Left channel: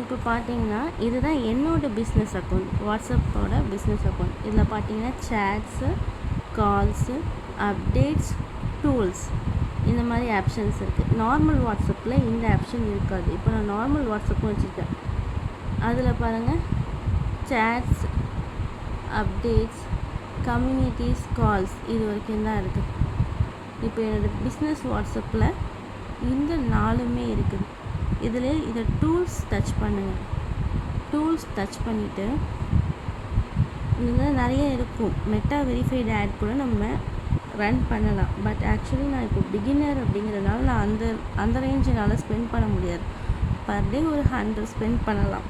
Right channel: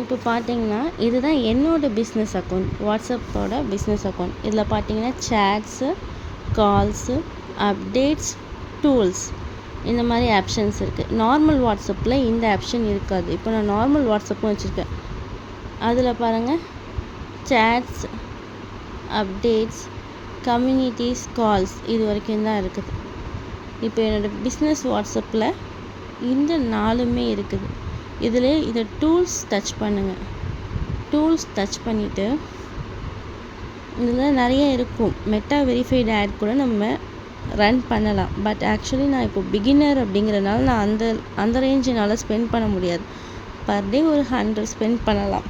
இப்போ பார்த்தீங்கன்னா இதுதான் என்னோடய பிஸ்னஸ் அக்கௌண்ட், வாட்ஸ்அப்போட பிஸ்னஸ் அக்கௌண்ட். இதில் பார்த்தீங்கன்னா சேட்ஸு, கால்ஸு, அப்டேட்ஸ், டூல்ஸ் இந்த மாதிரி ஆப்ஷன்ஸ் இருக்குது. நார்மல் வாட்ஸ்அப்பில் இந்த ஆப்ஷன் இருக்காது. இப்போ நான் நார்மல் வாட்ஸ்அப்பும் வச்சுருக்கேன். அதில் பாருங்கள், சேட்ஸ், அப்டேட்ஸ், கம்யூனிட்டிஸ், கால்ஸ் இது வரைக்கும் தான் இருக்குது. இப்போ என்னோடய பிஸ்னஸ் வாட்ஸ்அப்பில் இந்த 4மே இருக்குது. இதில் இதை டூல்ஸ் டச் பண்ணுங்கள். டூல்ஸ் டச் பண்ணிவிட்டு இதில் நிறைய இருக்கும். மெட்டா வெரிஃபைடு ஆட் கூட நம்ம ரன் பண்ணலாம். பட் ஆக்சுவலி நான் இப்போ பிகினர் அப்படிங்கிறனால நான் அந்த ரேஞ்ச் என்னால் ஸ்பெண்ட் பண்ண முடியாது. பர் டே ஒரு 100 ஸ்பெண்ட் பண்ணலாம்.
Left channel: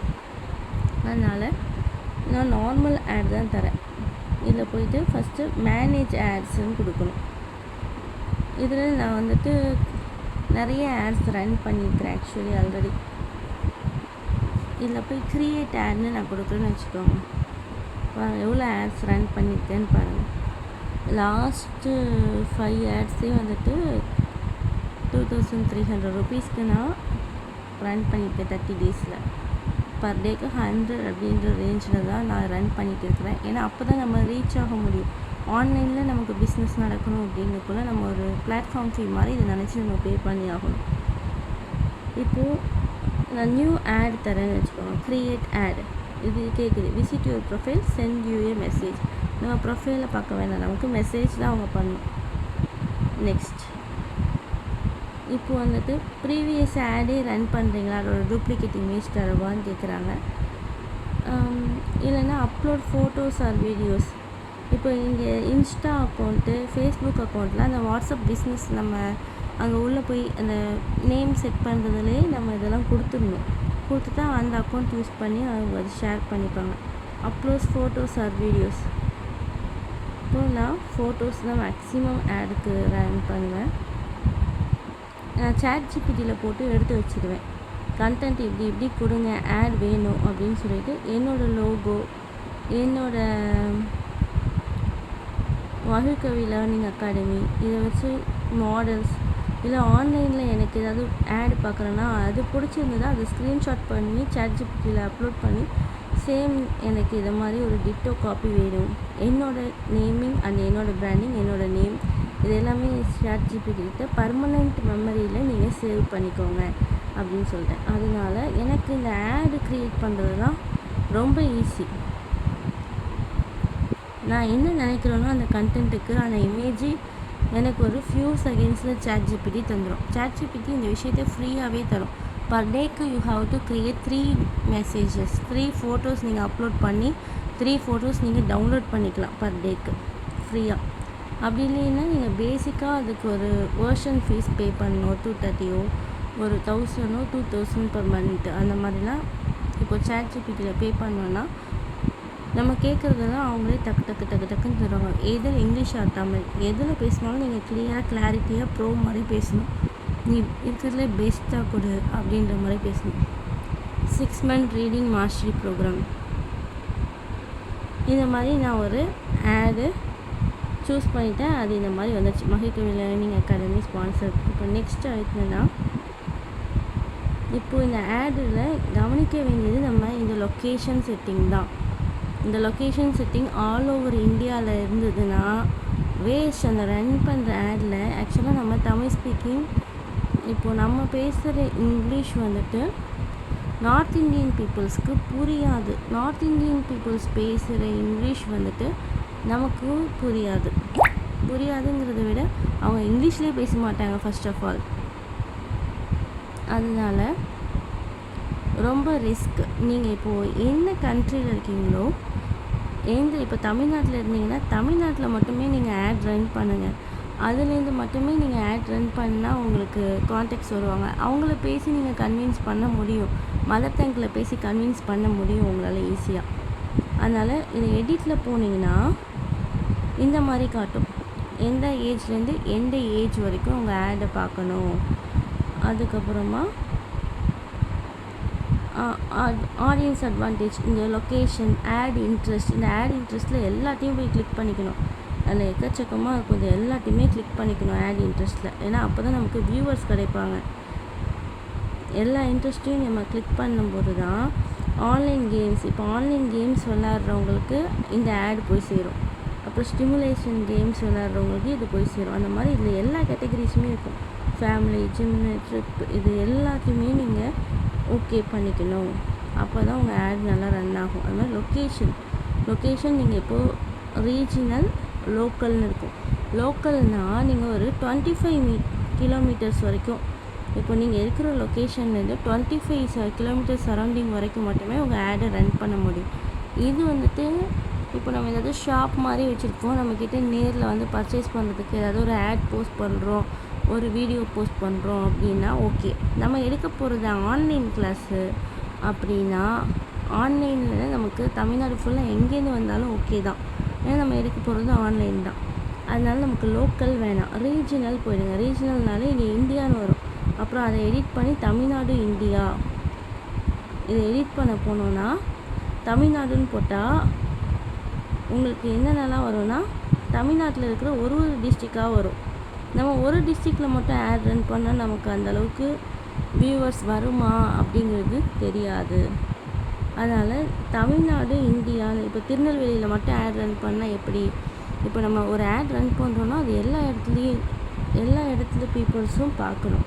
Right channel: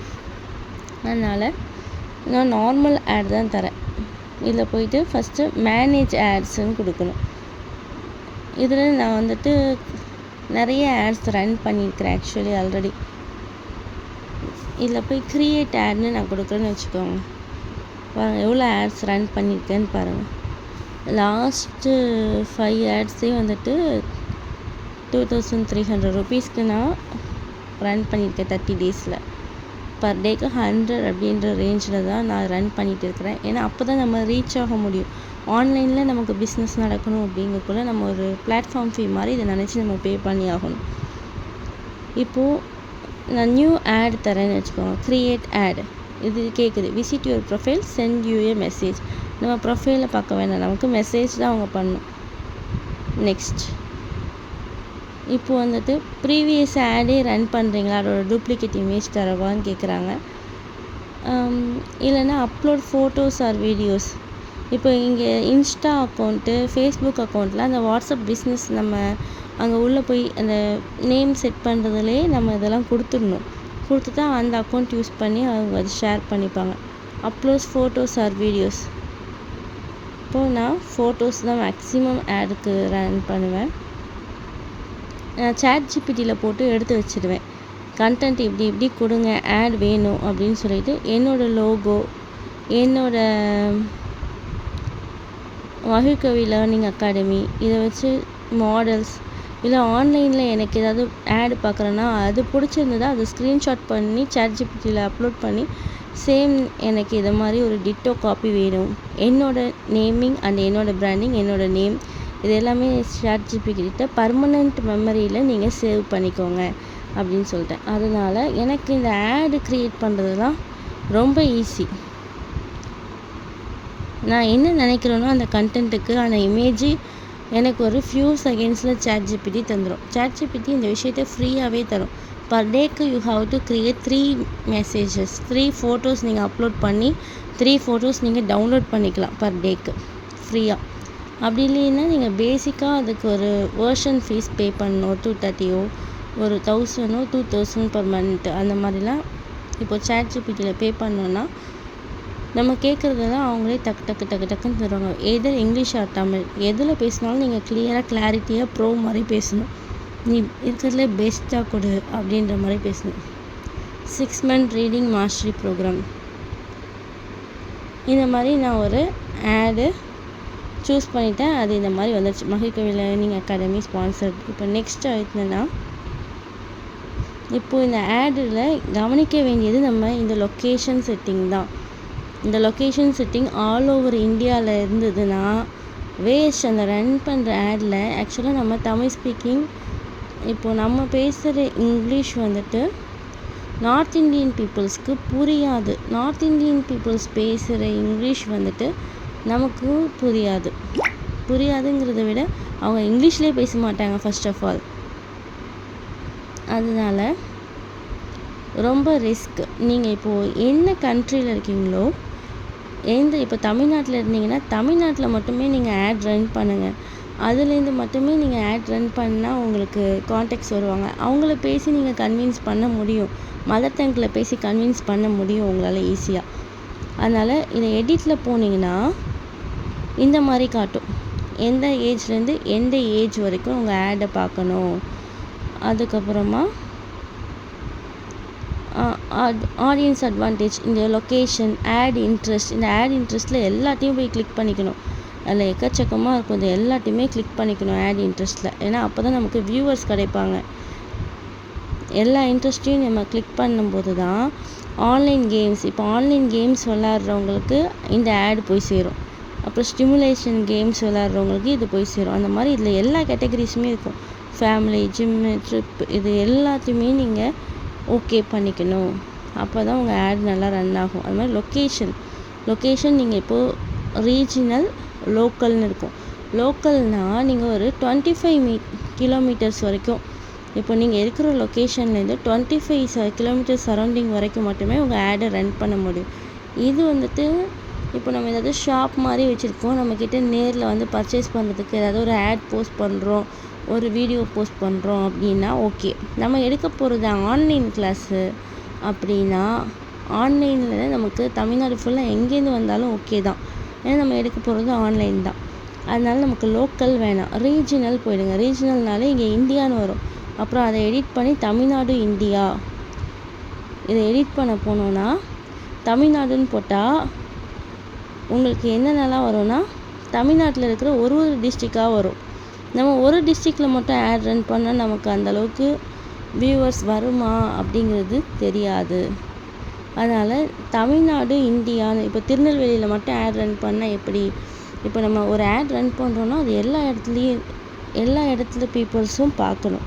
அதனால் நான் நார்மல் ஆட் தான் தரேன். இதில் போயிட்டு ஃபஸ்ட்டு மேனேஜ் ஆட்ஸுன்னு கொடுக்கணும். இதில் நான் வந்துட்டு நிறைய ஆட்ஸ் ரன் பண்ணியிருக்கிறேன் ஆக்சுவலி ஆல்ரெடி. இதில் போய் க்ரியேட் ஆட்னு நான் கொடுக்குறேன்னு வச்சுக்கோங்க. பாருங்கள் எவ்வளோ ஆட்ஸ் ரன் பண்ணியிருக்கேன்னு பாருங்கள். லாஸ்ட்டு 5 ஆட்ஸே வந்துட்டு 2300 ருபீஸ்க்கு நான் ரன் பண்ணியிருக்கேன் 30 டேஸில். பர் டேக்கு 100 அப்படின்ற ரேஞ்சில் தான் நான் ரன் பண்ணிகிட்டு இருக்கிறேன். ஏன்னா அப்போ தான் நம்ம ரீச் ஆக முடியும். ஆன்லைனில் நமக்கு பிஸ்னஸ் நடக்கணும் அப்படிங்கக்குள்ள நம்ம ஒரு பிளாட்ஃபார்ம் ஃபீ மாதிரி இதை நினச்சி நம்ம பே பண்ணி ஆகணும். இப்போது நான் நியூ ஆட் தரேன்னு வச்சுக்கோங்க. க்ரியேட் ஆட் இது கேட்குது. Visit your profile, send you a message. நம்ம ப்ரொஃபைலை பார்க்க வேண்டாம், நமக்கு மெசேஜ் தான் அவங்க பண்ணணும். நெக்ஸ்ட், இப்போ வந்துட்டு ப்ரீவியஸ் ஆடே ரன் பண்ணுறீங்களா, அதோட டூப்ளிகேட் இமேஜ் தரவான்னு கேட்குறாங்க. இல்லைன்னா அப்லோட் ஃபோட்டோஸ் ஆர் வீடியோஸ். இப்போ இங்கே இன்ஸ்டா அக்கௌண்ட்டு, ஃபேஸ்புக் அக்கௌண்ட்டில் அந்த வாட்ஸ்அப் பிஸ்னஸ் நம்ம அங்கே உள்ளே போய் அந்த நேம் செட் பண்ணுறதுலே நம்ம இதெல்லாம் கொடுத்துடணும். கொடுத்துட்டா அந்த அக்கௌண்ட் யூஸ் பண்ணி அவங்க அது ஷேர் பண்ணிப்பாங்க. Upload photos or videos. இப்போது நான் ஃபோட்டோஸ் தான் மேக்ஸிமம் ஆடுக்கு ரன் பண்ணுவேன். நான் சாட் ஜிபிடியில் போட்டு எடுத்து வச்சுடுவேன். கண்டென்ட் இப்படி கொடுங்க, ஆட் வேணும் அப்படின்னு சொல்லிட்டு என்னோடய லோகோ, என்னோடய மகிழ்கவி லேர்னிங் அகாடமி இதை வச்சு மாடல்ஸ், இல்லை ஆன்லைனில் எனக்கு ஏதாவது ஆட் பார்க்குறேன்னா அது பிடிச்சிருந்ததா அதை ஸ்க்ரீன்ஷாட் பண்ணி சாட் ஜிபிடியில் அப்லோட் பண்ணி சேம் எனக்கு இதை மாதிரி ஒரு டிட்டோ காப்பி வேணும், என்னோடய நேமிங் அண்ட் என்னோடய பிராண்டிங், என்னோடய நேம் இது எல்லாமே சாட் ஜிபிடிக்கிட்ட பர்மனெண்ட் மெமரியில் நீங்கள் சேவ் பண்ணிக்கோங்க அப்படின்னு சொல்லிட்டேன். அதனால் எனக்கு இந்த ஆடு க்ரியேட் பண்ணுறதுலாம் ரொம்ப ஈஸி. நான் என்ன நினைக்கிறேனோ அந்த கண்டென்ட்டுக்கு அந்த இமேஜ் எனக்கு ஒரு ஃபியூ செகண்ட்ஸில் சாட் ஜிபிடி தந்துடும். சாட் ஜிபிடி இந்த விஷயத்தை ஃப்ரீயாகவே தரும். பர் டேக்கு you have to create 3 messages, 3 photos நீங்கள் அப்லோட் பண்ணி 3 ஃபோட்டோஸ் நீங்கள் டவுன்லோட் பண்ணிக்கலாம் பர் டேக்கு ஃப்ரீயாக. அப்படி இல்லைன்னா நீங்கள் பேசிக்காக அதுக்கு ஒரு வேர்ஷன் ஃபீஸ் பே பண்ணணும். 230 ஒரு 1000 2000 பர் மந்த் அந்த மாதிரிலாம் இப்போ சாட் ஜிபிடியில் பே பண்ணோன்னா நம்ம கேட்குறதெல்லாம் அவங்களே டக்குன்னு தருவாங்க. எதில் இங்கிலீஷ் ஆர் தமிழ் எதில் பேசினாலும் நீங்கள் கிளாரிட்டியாக ப்ரோ மாதிரி பேசணும். நீ இருக்கிறதுல பெஸ்ட்டாக கொடு அப்படின்ற மாதிரி பேசணும். 6 month ரீடிங் மாஸ்டரி ப்ரோக்ராம் இந்த மாதிரி நான் ஒரு ஆடு சூஸ் பண்ணிட்டேன். அது இந்த மாதிரி வந்துடுச்சு. மகிழ்கவி லேர்னிங் அகாடமி ஸ்பான்சர்ட். இப்போ நெக்ஸ்ட் ஆயிடுச்சுன்னா, இப்போது இந்த ஆடில் கவனிக்க வேண்டியது நம்ம இந்த லொக்கேஷன் செட்டிங் தான். இந்த லொக்கேஷன் செட்டிங் ஆல் ஓவர் இந்தியாவில் இருந்ததுன்னா வேஸ்ட். அந்த ரன் பண்ணுற ஆடில் ஆக்சுவலாக நம்ம தமிழ் ஸ்பீக்கிங், இப்போது நம்ம பேசுகிற இங்கிலீஷ் வந்துட்டு நார்த் இந்தியன் பீப்புள்ஸ்க்கு புரியாது. நார்த் இந்தியன் பீப்புள்ஸ் பேசுகிற இங்கிலீஷ் வந்துட்டு நமக்கு புரியாதுங்கிறத விட அவங்க இங்கிலீஷ்லேயே பேச மாட்டாங்க ஃபர்ஸ்ட் ஆஃப் ஆல். அதனால ரொம்ப ரிஸ்க். நீங்கள் இப்போது என்ன கண்ட்ரியில் இருக்கீங்களோ, இப்போ தமிழ்நாட்டில் இருந்தீங்கன்னா தமிழ்நாட்டில் மட்டுமே நீங்கள் ஆட் ரன் பண்ணுங்கள். அதுலேருந்து மட்டுமே நீங்கள் ஆட் ரன் பண்ணால் உங்களுக்கு கான்டாக்ட்ஸ் வருவாங்க. அவங்கள பேசி நீங்கள் கன்வின்ஸ் பண்ண முடியும். மதர் டங்கில் பேசி கன்வின்ஸ் பண்ண முடியும் உங்களால் ஈஸியாக. அதனால் இதை எடிட்டில் போனீங்கன்னா இந்த மாதிரி காட்டும். எந்த ஏஜ்லேருந்து எந்த ஏஜ் வரைக்கும் உங்கள் ஆடை பார்க்கணும். அதுக்கப்புறமா ஆடியன்ஸ் அட்வான்டேஜ், இந்த லொக்கேஷன், ஆட் இன்ட்ரெஸ்ட். இந்த ஆட் இன்ட்ரெஸ்ட்டில் எல்லாத்தையும் போய் கிளிக் பண்ணிக்கணும். அதில் எக்கச்சக்கமாக இருக்கும். இது எல்லாத்தையுமே கிளிக் பண்ணிக்கணும் ஆட் இன்ட்ரெஸ்ட்டில். ஏன்னா அப்போ தான் நமக்கு வியூவர்ஸ் கிடைப்பாங்க. எல்லா இன்ட்ரெஸ்ட்டையும் நம்ம கிளிக் பண்ணும்போது தான் ஆன்லைன் கேம்ஸ், இப்போ ஆன்லைன் கேம்ஸ் விளாட்றவங்களுக்கு இந்த ஆட் போய் சேரும். அப்புறம் ஸ்டிமுலேஷன் கேம்ஸ் விளாட்றவங்களுக்கு இது போய் சேரும். அந்த மாதிரி இதில் எல்லா கேட்டகரிஸுமே இருக்கும். ஃபேமிலி, ஜிம்மு, ட்ரிப், இது எல்லாத்தையுமே நீங்கள் ஓகே பண்ணிக்கணும். அப்போ தான் உங்கள் ஆட் நல்லா ரன் ஆகும். அது மாதிரி லொக்கேஷன் நீங்கள் இப்போது ரீஜினல், லோக்கல்னு இருக்கும். லோக்கல்னால் நீங்கள் ஒரு 25 கிலோமீட்டர்ஸ் வரைக்கும், இப்போ நீங்கள் இருக்கிற லொக்கேஷன்லேருந்து 25 கிலோமீட்டர் சரௌண்டிங் வரைக்கும் மட்டுமே உங்கள் ஆடை ரன் பண்ண முடியும். இது வந்துட்டு இப்போ நம்ம ஏதாவது ஷாப் மாதிரி வச்சுருக்கோம், நம்மக்கிட்ட நேரில் வந்து பர்ச்சேஸ் பண்ணுறதுக்கு ஏதாவது ஒரு ஆட் போஸ்ட் பண்ணுறோம், ஒரு வீடியோ போஸ்ட் பண்ணுறோம் அப்படின்னா ஓகே. நம்ம எடுக்க போகிறது ஆன்லைன் கிளாஸு அப்படின்னா ஆன்லைனில் நமக்கு தமிழ்நாடு ஃபுல்லாக எங்கேருந்து வந்தாலும் ஓகே தான். ஏன்னா நம்ம எடுக்க போகிறது ஆன்லைன் தான். அதனால நமக்கு லோக்கல் வேணாம், ரீஜினல் போயிடுங்க. ரீஜினல்னாலே இங்கே இந்தியான்னு வரும். அப்புறம் அதை எடிட் பண்ணி தமிழ்நாடு இந்தியா, இதை எடிட் பண்ண போனோன்னா தமிழ்நாடுன்னு போட்டால் உங்களுக்கு என்னென்னலாம் வரும்னா தமிழ்நாட்டில் இருக்கிற ஒரு டிஸ்ட்ரிக்டாக வரும். நம்ம ஒரு டிஸ்ட்ரிக்டில் மட்டும் ஆட் ரன் பண்ணால் நமக்கு அந்தளவுக்கு வியூவர்ஸ் வருமா அப்படிங்கிறது தெரியாது. அதனால் தமிழ்நாடு இந்தியான்னு, இப்போ திருநெல்வேலியில் மட்டும் ஆட் ரன் பண்ணால் எப்படி? இப்போ நம்ம ஒரு ஆட் ரன் பண்ணுறோன்னா அது எல்லா இடத்துல பீப்புள்ஸும் பார்க்கணும்.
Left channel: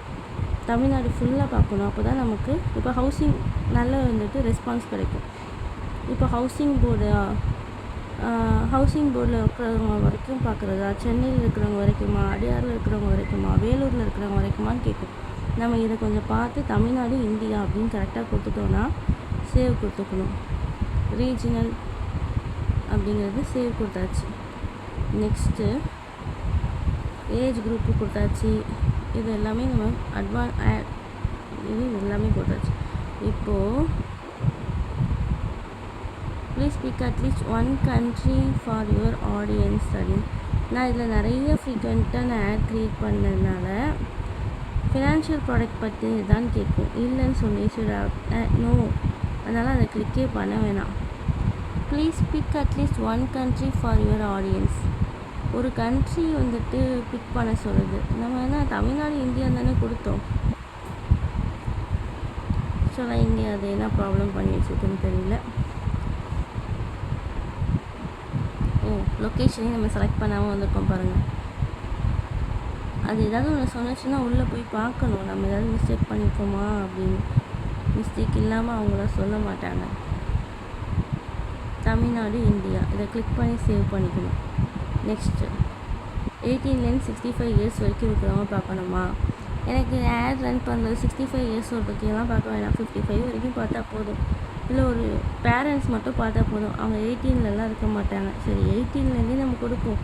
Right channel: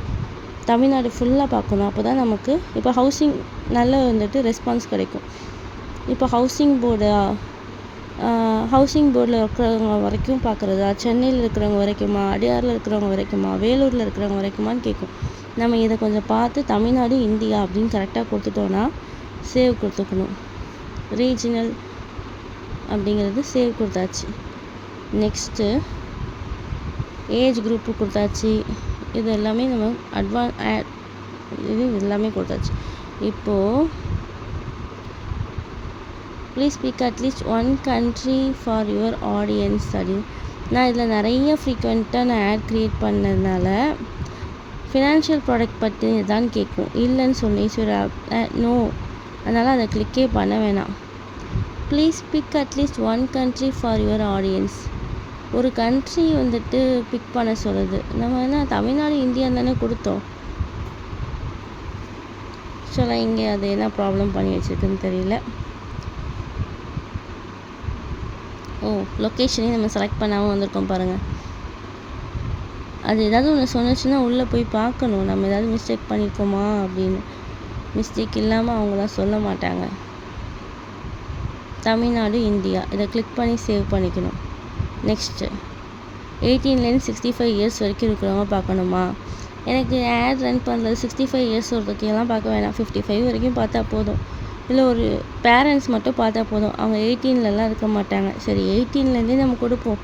தமிழ்நாடு ஃபுல்லாக பார்க்கணும். அப்போ தான் நமக்கு இப்போ ஹவுசிங் நல்ல வந்துட்டு ரெஸ்பான்ஸ் கிடைக்கும். இப்போ ஹவுசிங் போர்டில் இருக்கிறவங்க வரைக்கும் பார்க்குறதா, சென்னையில் இருக்கிறவங்க வரைக்குமா, அடையாரில் இருக்கிறவங்க வரைக்குமா, வேலூரில் இருக்கிறவங்க வரைக்குமான்னு கேட்கும். நம்ம இதை கொஞ்சம் பார்த்து தமிழ்நாடு இந்தியா அப்படின்னு கரெக்டாக கொடுத்துட்டோன்னா சேவ் கொடுத்துக்கணும். ரீஜினல் அப்படிங்கிறது சேவ் கொடுத்தாச்சு. நெக்ஸ்ட்டு ஏஜ் குரூப்பு கொடுத்தாச்சு. இது எல்லாமே நம்ம இது எல்லாமே கொடுத்தாச்சு. இப்போது please speak at least one country for your audience அப்படின்னு நான் இதில் நிறைய ஃப்ரீக்வெண்ட்டாக நான் ஆட் க்ரியேட் பண்ணதுனால ஃபினான்ஷியல் ப்ராடக்ட் பற்றி தான் கேட்கும். இல்லைன்னு சொல்லி நோ, அதனால் அதை கிளிக்கே பண்ண வேணாம். Please pick at least one country for your audience. ஒரு கண்ட்ரி வந்துட்டு பிக் பண்ண சொல்லுது. நம்ம என்ன தமிழ்நாடு இந்தியா தானே கொடுத்தோம். ஆக்சுவலாக இங்கே அது என்ன ப்ராப்ளம் பண்ணி வச்சுருக்குன்னு தெரியல. லொக்கேஷனையும் நம்ம செலக்ட் பண்ணாமல் வந்திருக்கோம் பாருங்கள். அது ஏதாவது ஒன்று சொன்னிச்சுன்னா உள்ளே போய் பார்க்கணும் நம்ம ஏதாவது மிஸ்டேக் பண்ணியிருக்கோமா அப்படின்னு. மிஸ்டேக் இல்லாமல் அவங்களாம் சொல்ல மாட்டாங்க. தமிழ்நாடு இந்தியா இதை கிளிக் பண்ணி சேவ் பண்ணிக்கணும். நெக்ஸ்ட்டு 18 65 இயர்ஸ் வரைக்கும் இருக்கிறவங்க பார்க்கணுமா? எனக்கு ஆட் ரன் பண்ணுறது 65 இயர்ஸ் ஒருத்தக்கெல்லாம் பார்க்க வேணாம், 55 வரைக்கும் பார்த்தா போதும். இல்லை ஒரு பேரண்ட்ஸ் மட்டும் பார்த்தா போதும். அவங்க 18லலாம் இருக்க மாட்டாங்க. சரி 18லேருந்தே நம்ம கொடுப்போம்.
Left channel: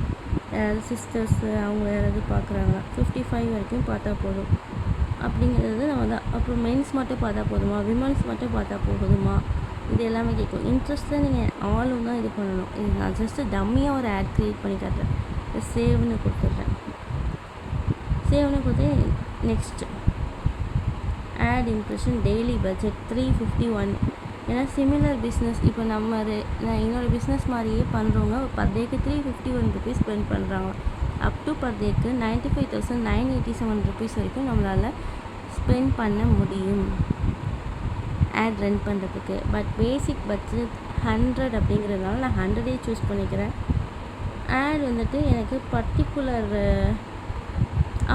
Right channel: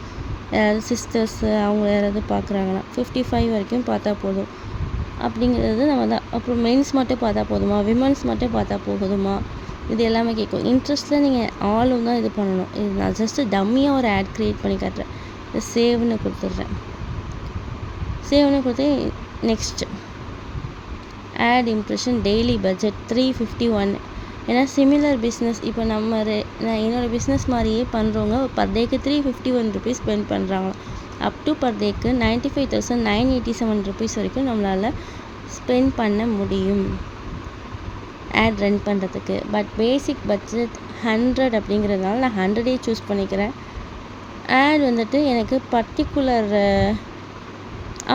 யாராவது சிஸ்டர்ஸு அவங்க யாராவது பார்க்குறாங்கன்னா 55 வரைக்கும் பார்த்தா போதும் அப்படிங்கிறது நம்ம தான். அப்புறம் மென்ஸ் மட்டும் பார்த்தா போதுமா, விமன்ஸ் மட்டும் பார்த்தா போதுமா, இது எல்லாமே கேட்கும். இன்ட்ரெஸ்ட்டில் நீங்கள் ஆளும் தான் இது பண்ணணும். இது நான் ஜஸ்ட்டு டம்மியாக ஒரு ஆட் க்ரியேட் பண்ணி காட்டுறேன். சேவ்னு கொடுத்துட்றேன். சேவ்னு கொடுத்து next ad impression daily budget 351. ஏன்னா சிமிலர் பிஸ்னஸ் இப்போ நான் என்னோடய பிஸ்னஸ் மாதிரியே பண்ணுறவங்க பர் டேக்கு 351 ருபீஸ் ஸ்பெண்ட் பண்ணுறாங்க. அப் டு பர் டேக்கு 95,987 ருபீஸ் வரைக்கும் நம்மளால் ஸ்பெண்ட் பண்ண முடியும் ஆட் ரன் பண்ணுறதுக்கு. பட் பேசிக் பட்ஜெட் 100 அப்படிங்கிறதுனால நான் 100 சூஸ் பண்ணிக்கிறேன். ஆட் வந்துட்டு எனக்கு பர்டிகுலர்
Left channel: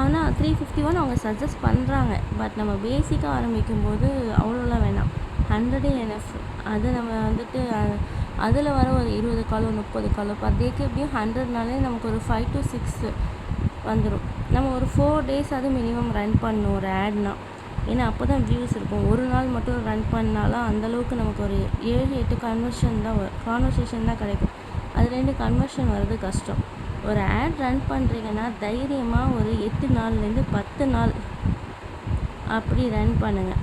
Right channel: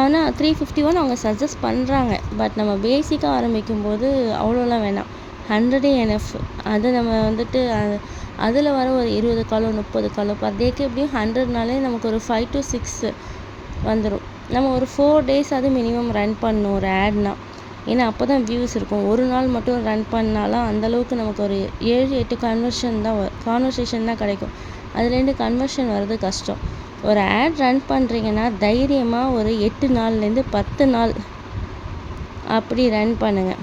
ஆனால் 351 அவங்க சஜஸ்ட் பண்ணுறாங்க. பட் நம்ம பேசிக்காக ஆரம்பிக்கும்போது அவ்வளோலாம் வேணாம், 100 என்எஃப். அது நம்ம வந்துட்டு அதில் வர ஒரு 20 காலோ 30 காலோ பர் டேக்கு எப்படியும் 100னாலே நமக்கு ஒரு 5 to 6 வந்துடும். நம்ம ஒரு 4 days அது மினிமம் ரன் பண்ணணும் ஒரு ஆட்னா. ஏன்னா அப்போ தான் வியூஸ் இருக்கும். ஒரு நாள் மட்டும் ரன் பண்ணாலும் அந்தளவுக்கு நமக்கு ஒரு 7-8 கான்வர்சேஷன் தான் கிடைக்கும். அதுலேருந்து கன்வர்ஷன் வர்றது கஷ்டம். ஒரு ஆட் ரன் பண்ணுறீங்கன்னா தைரியமாக ஒரு 8 நாள்லேருந்து 10 நாள் அப்படி ரன் பண்ணுங்கள்.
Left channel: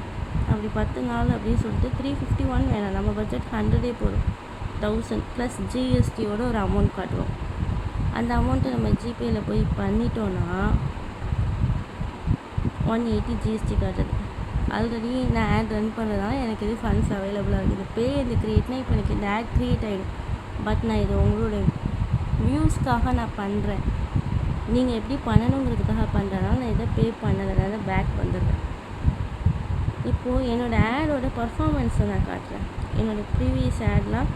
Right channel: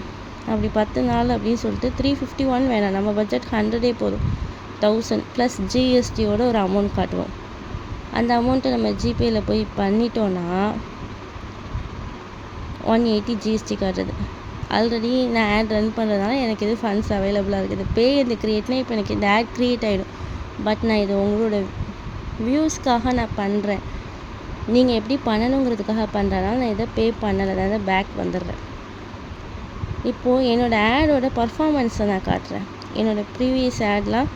அப்படி 10 நாள் அப்படின்னு சொல்லிட்டு 351 வேணாம், நம்ம பட்ஜெட் 100 போதும். 1000 ப்ளஸ் ஜிஎஸ்டியோட ஒரு அமௌண்ட் காட்டுவோம். அந்த அமௌண்ட்டை நம்ம ஜிபேயில் போய் பண்ணிட்டோன்னா 180 ஜிஎஸ்டி காட்டுறது. ஆல்ரெடி நான் ஆட் ரன் பண்ணுறதுனால எனக்கு இது ஃபண்ட்ஸ் அவைலபிளாக இருக்குது. பே இந்த க்ரியேட்னா இப்போ எனக்கு இந்த ஆட் க்ரியேட் ஆகிடும். பட் நான் இது உங்களோட வியூஸ்க்காக நான் பண்ணுறேன். நீங்கள் எப்படி பண்ணணுங்கிறதுக்காக பண்ணுறதுனால நான் இதை பே பண்ணலை, அதாவது பேக் வந்துடுறேன். இப்போது என்னோடய ஆடோட பர்ஃபார்மன்ஸை நான் காட்டுறேன். என்னோடய ப்ரீவியஸ் ஆட்லாம்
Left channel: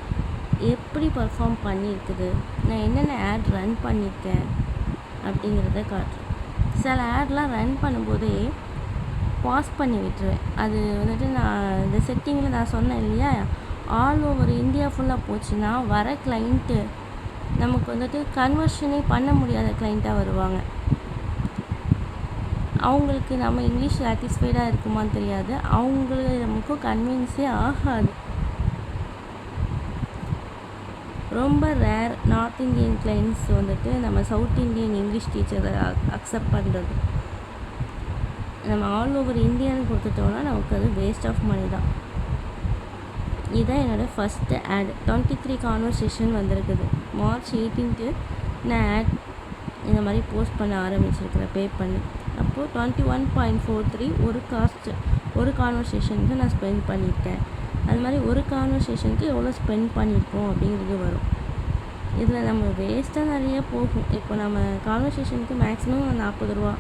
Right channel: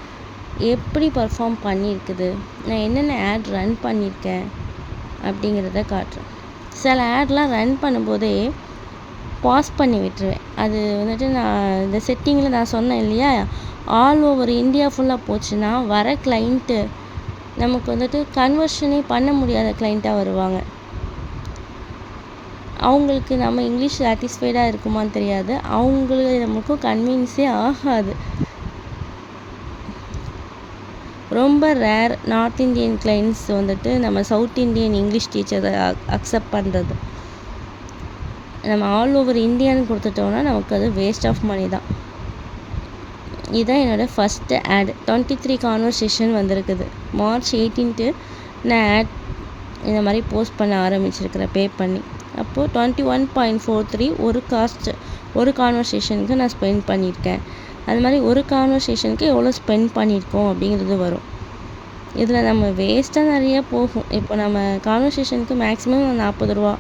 எப்படி பர்ஃபார்ம் பண்ணியிருக்குது, நான் என்னென்ன ஆட் ரன் பண்ணியிருக்கேன் அப்படிங்கிறத காட்டுறேன். சில ஆட்லாம் ரன் பண்ணும்போதே பாஸ் பண்ணி விட்டுருவேன். அது வந்துட்டு நான் இந்த செட்டிங்கில் நான் சொன்னேன் இல்லையா, ஆல் ஓவர் இந்தியா ஃபுல்லாக போச்சுன்னா வர கிளைண்ட்டு நமக்கு வந்துட்டு கன்வர்ஷனே பண்ண முடியாத கிளைண்ட்டாக வருவாங்க. அவங்களுக்கு நம்ம இங்கிலீஷ் சாட்டிஸ்ஃபைடாக இருக்குமான்னு தெரியாது, அவங்களுக்கு நமக்கும் கன்வின்ஸே ஆகாது. ரொம்ப ரேர் நார்த் இந்தியன் கிளைண்ட்ஸ் வந்துட்டு நம்ம சவுத் இந்தியன் இங்கிலீஷ் டீச்சரை அக்செப்ட் பண்ணுறது. நம்ம ஆல் ஓவர் இந்தியான்னு கொடுத்துட்டோம்னா நமக்கு அது வேஸ்ட் ஆஃப் மணி தான். இதுதான் என்னோடய ஃபஸ்ட்டு ஆட். 23 கான்வர்சேஷன் வந்திருக்குது. March 18 நான் ஆட் இந்த மாதிரி போஸ்ட் பண்ண ஆரம்பிச்சிருக்கிறேன் பே பண்ணி. அப்போது 21.43 ஒரு கான்வர்சேஷனுக்கு நான் ஸ்பெண்ட் பண்ணியிருக்கேன். அது மாதிரி ஒரு கான்வர்சேஷனுக்கு எவ்வளோ ஸ்பெண்ட் பண்ணியிருக்கோம் அப்படிங்கிறது வரும். இதில் நம்ம வேஸ்ட்டாக நிறைய போகும். இப்போ நம்ம கான்வர்சேஷனுக்கு மேக்ஸிமம் 40 ரூபா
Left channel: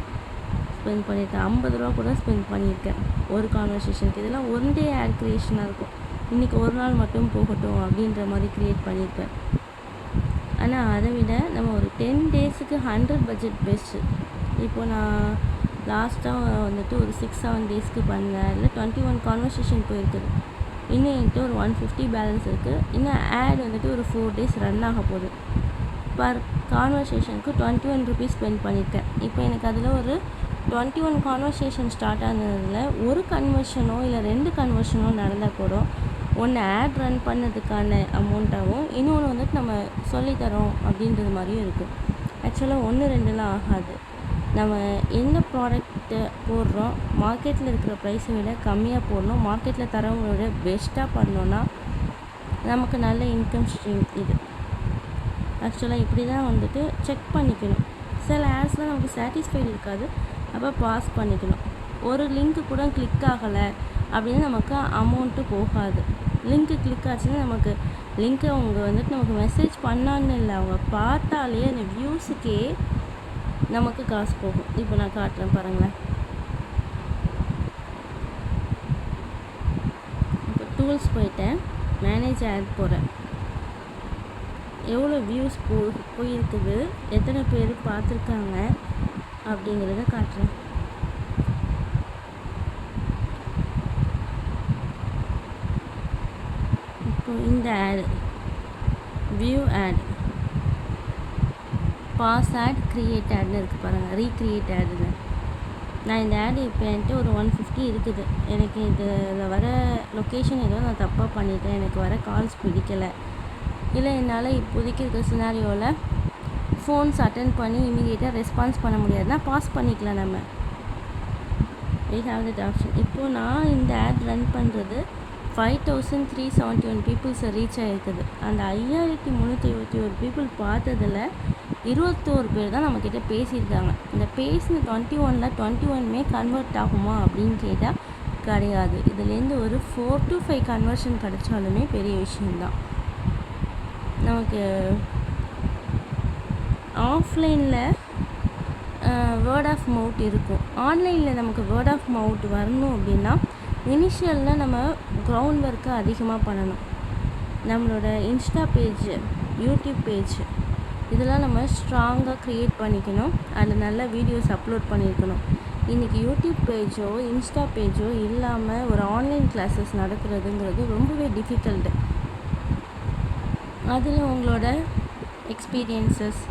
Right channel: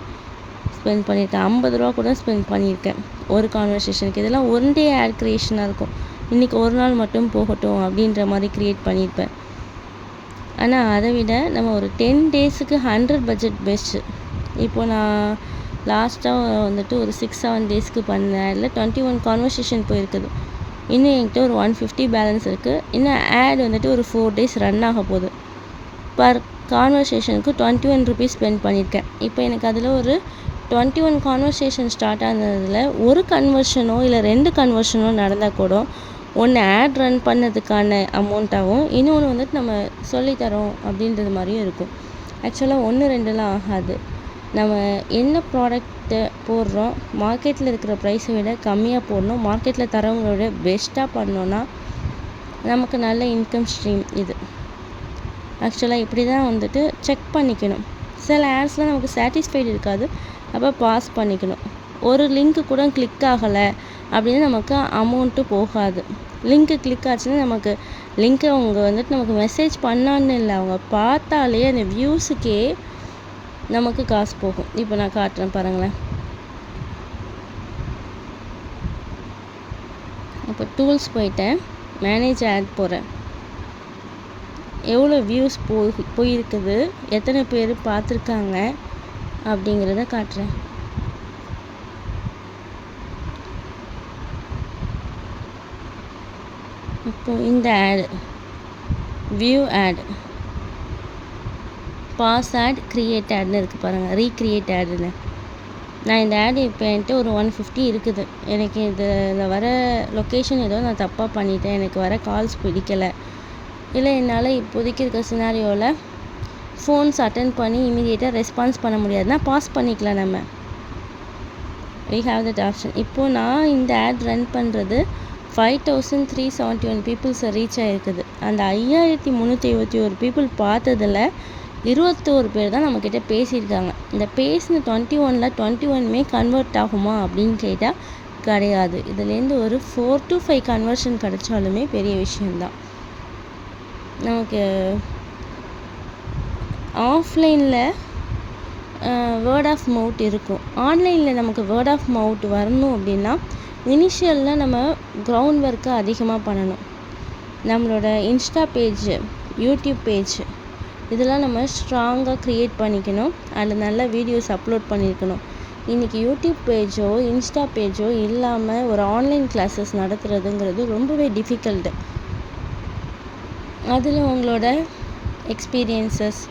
ஸ்பெண்ட் பண்ணியிருக்கேன், 50 ரூபா கூட ஸ்பெண்ட் பண்ணியிருக்கேன் ஒரு கான்வர்சேஷனுக்கு. இதெல்லாம் ஒன் டே ஆட் க்ரியேஷனாக இருக்கும். இன்றைக்கி ஒரு நாள் மட்டும் போகட்டும் அப்படின்ற மாதிரி க்ரியேட் பண்ணியிருப்பேன். ஆனால் அதை விட நம்ம ஒரு 10 டேஸுக்கு 100 பட்ஜெட் பெஸ்ட்டு. இப்போ நான் லாஸ்ட்டாக வந்துட்டு ஒரு 6-7 டேஸ்க்கு பண்ணேன். அதில் 21 கான்வர்சேஷன் போயிருக்குது. இன்னும் என்கிட்ட ஒரு 150 பேலன்ஸ் இருக்குது. இன்னும் ஆட் வந்துட்டு ஒரு 4 டேஸ் ரன் ஆக போகுது. பர் கான்வர்சேஷனுக்கு 21 ருபீஸ் ஸ்பெண்ட் பண்ணியிருக்கேன். இப்போ எனக்கு அதில் ஒரு 21 கான்வர்சேஷன் ஸ்டார்ட் ஆனதில் ஒரு கன்வர்ஷனோ இல்லை 2 கன்வர்ஷனோ நடந்தால் கூட ஒன்று ஆட் ரன் பண்ணதுக்கான அமௌண்ட்டாகவும் இன்னொன்று வந்துட்டு நம்ம சொல்லித்தரோம் அப்படின்றது மாதிரியும் இருக்கும். ஆக்சுவலாக 1-2லாம் ஆகாது. நம்ம என்ன ப்ராடக்ட்டு போடுறோம், மார்க்கெட்டில் இருக்கிற ப்ரைஸை விட கம்மியாக போடணும், மார்க்கெட்டில் தரவங்களை விட பெஸ்ட்டாக பண்ணோன்னா நமக்கு நல்ல இன்கம் ஸ்ட்ரீம் இது. ஆக்சுவலாக இப்படி தான் வந்துட்டு செக் பண்ணிக்கணும். சில ஆட்ஸ்லாம் நமக்கு சாட்டிஸ்ஃபைடு இருக்காது, அப்போ பாஸ் பண்ணிக்கணும். ஒரு லிங்க்கு கூட கிளிக் ஆகலை அப்படின்னு நமக்கு அமௌண்ட்டு போகாது. லிங்க்கு கிளிக் ஆச்சுன்னா நமக்கு லிங்க்கை அவங்க வந்துட்டு நமக்கு மெசேஜ் பண்ணான்னு இல்லை, அவங்க பார்த்தாலே அந்த வியூஸுக்கே நமக்கு காசு போகும். இப்போ நான் காட்டுறேன் பாருங்களேன். இப்போ டூல்ஸ் போயிட்டேன், மேனேஜ் ஆட் போகிறேன். எவ்வளோ வியூஸ் போயிருக்குது, எத்தனை பேர் பார்த்துருக்காங்க அப்படிங்கிறத காட்டுறேன். இப்போது இந்த ad view ad, pause ad, create ஆட்னு இருக்குது பாருங்கள், ரீக்ரியேட் ஆடுன்னு. நான் இந்த ஆடு இப்போ என்கிட்ட ஒரு 150 இருக்குது. எனக்கு இதில் வர லொக்கேஷன் ஏதோ நான் தப்பாக பண்ணிட்டேன், எனக்கு வர கால்ஸ் பிடிக்கலை, இல்லை என்னால் இப்போதைக்கு இருக்க சினாரியோவில் ஃபோன்ஸ் அட்டென்ட் பண்ணி இமீடியேட்டாக ரெஸ்பான்ஸ் பண்ண முடியாதுன்னா பாஸ் பண்ணிக்கலாம். நம்ம we have that ஆப்ஷன். இப்போது நான் இந்த ஆட் ரன் பண்ணுறது 5371 பீப்புள்ஸை ரீச் ஆகிருக்குது. அந்த 5321 பீப்புள் பார்த்ததில் 21 பேர் தான் நம்மக்கிட்ட பேசியிருக்காங்க. இந்த பேசின 21ல் 21மே கன்வெர்ட் ஆகுமா அப்படின்னு கேட்டால் கிடையாது. இதுலேருந்து ஒரு 4 to 5 கன்வர்ஷன் கிடைச்சாலுமே பெரிய விஷயந்தான். நமக்கு ஆஃப்லைனில் வேர்ட் ஆஃப் மவுத் இருக்கும், ஆன்லைனில் நமக்கு வேர்ட் ஆஃப் மவுத் வரணும் அப்படின்னா இனிஷியலில் நம்ம கிரவுண்ட் ஒர்க்கை அதிகமாக பண்ணணும். நம்மளோட இன்ஸ்டா பேஜ், யூடியூப் பேஜ் இதெல்லாம் நம்ம ஸ்ட்ராங்காக க்ரியேட் பண்ணிக்கணும். அதில் நல்ல வீடியோஸ் அப்லோட் பண்ணியிருக்கணும். இன்றைக்கி யூடியூப் பேஜோ இன்ஸ்டா பேஜோ இல்லாமல் ஒரு ஆன்லைன் கிளாஸஸ் நடத்துகிறதுங்கிறது ரொம்பவே டிஃபிகல்ட்டு. அதில் உங்களோட எக்ஸ்பீரியன்சஸ்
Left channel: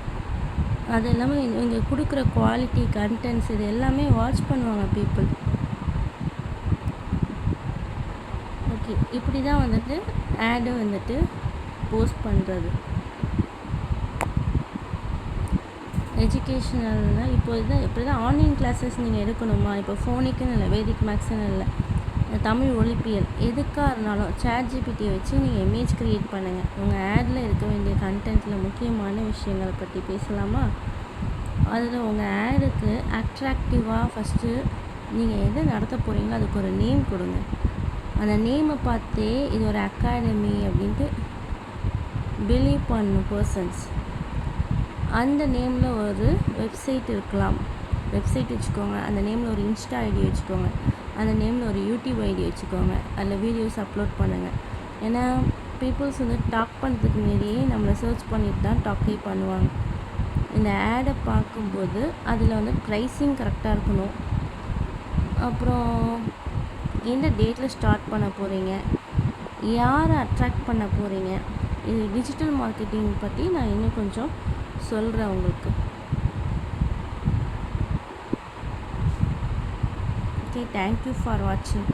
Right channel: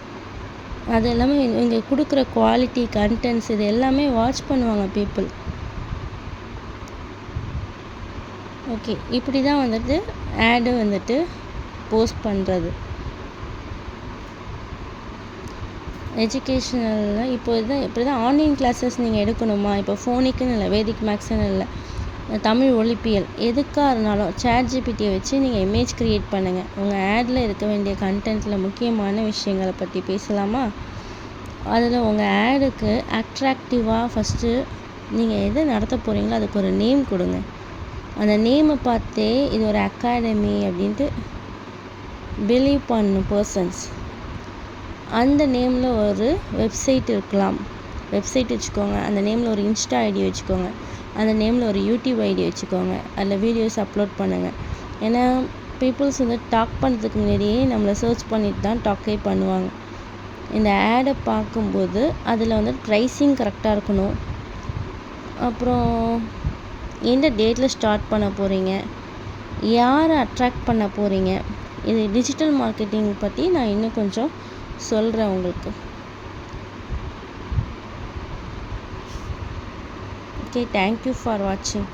அது எல்லாமே இங்கே கொடுக்குற குவாலிட்டி கண்டென்ட்ஸ் இது எல்லாமே வாட்ச் பண்ணுவாங்க பீப்புள். ஓகே, இப்படி தான் வந்துட்டு ஆடு வந்துட்டு போஸ்ட் பண்ணுறது. எஜுகேஷ்னலில் இப்படி தான் ஆன்லைன் கிளாஸஸ் நீங்கள் எடுக்கணுமா, இப்போ ஃபோனிக்குன்னு இல்லை, வேதிக் மேக்ஸ்ன்னு இல்லை, தமிழ் ஒலிப்பியல் எதுக்காக இருந்தாலும் ChatGPT வச்சு நீங்கள் இமேஜ் க்ரியேட் பண்ணுங்கள். உங்கள் ஆடில் இருக்க வேண்டிய கண்டென்ட்டில் முக்கியமான விஷயங்களை பற்றி பேசலாமா? அதில் உங்கள் ஆடுக்கு அட்ராக்டிவாக ஃபஸ்ட்டு நீங்கள் எதை நடத்த போகிறீங்களோ அதுக்கு ஒரு நேம் கொடுங்க. அந்த நேமை பார்த்தே இது ஒரு அகாடமி அப்படின்ட்டு பிலீவ் பண்ணணும் பர்சன்ஸ். அந்த நேமில் ஒரு வெப்சைட் இருக்கலாம், வெப்சைட் வச்சுக்கோங்க, அந்த நேமில் ஒரு இன்ஸ்டா ஐடி வச்சுக்கோங்க, அந்த நேமில் ஒரு யூடியூப் ஐடி வச்சுக்கோங்க. அதில் வீடியோஸ் அப்லோட் பண்ணுங்கள். ஏன்னா பீப்புள்ஸ் வந்து டாக் பண்ணுறதுக்கு முன்னாடியே நம்மளை சர்ச் பண்ணிட்டு தான் டாக்கே பண்ணுவாங்க. இந்த ஆடை பார்க்கும்போது அதில் வந்து ப்ரைஸிங் கரெக்டாக இருக்கணும். அப்புறம் எந்த டேட்டில் ஸ்டார்ட் பண்ண போகிறீங்க, யாரை அட்ராக்ட் பண்ண போகிறீங்க, இது டிஜிட்டல் மார்க்கெட்டிங் பற்றி நான் இன்னும் கொஞ்சம் சொல்கிறேன் உங்களுக்கு. ஓகே, தேங்க்யூ ஃபார் வாட்சிங்.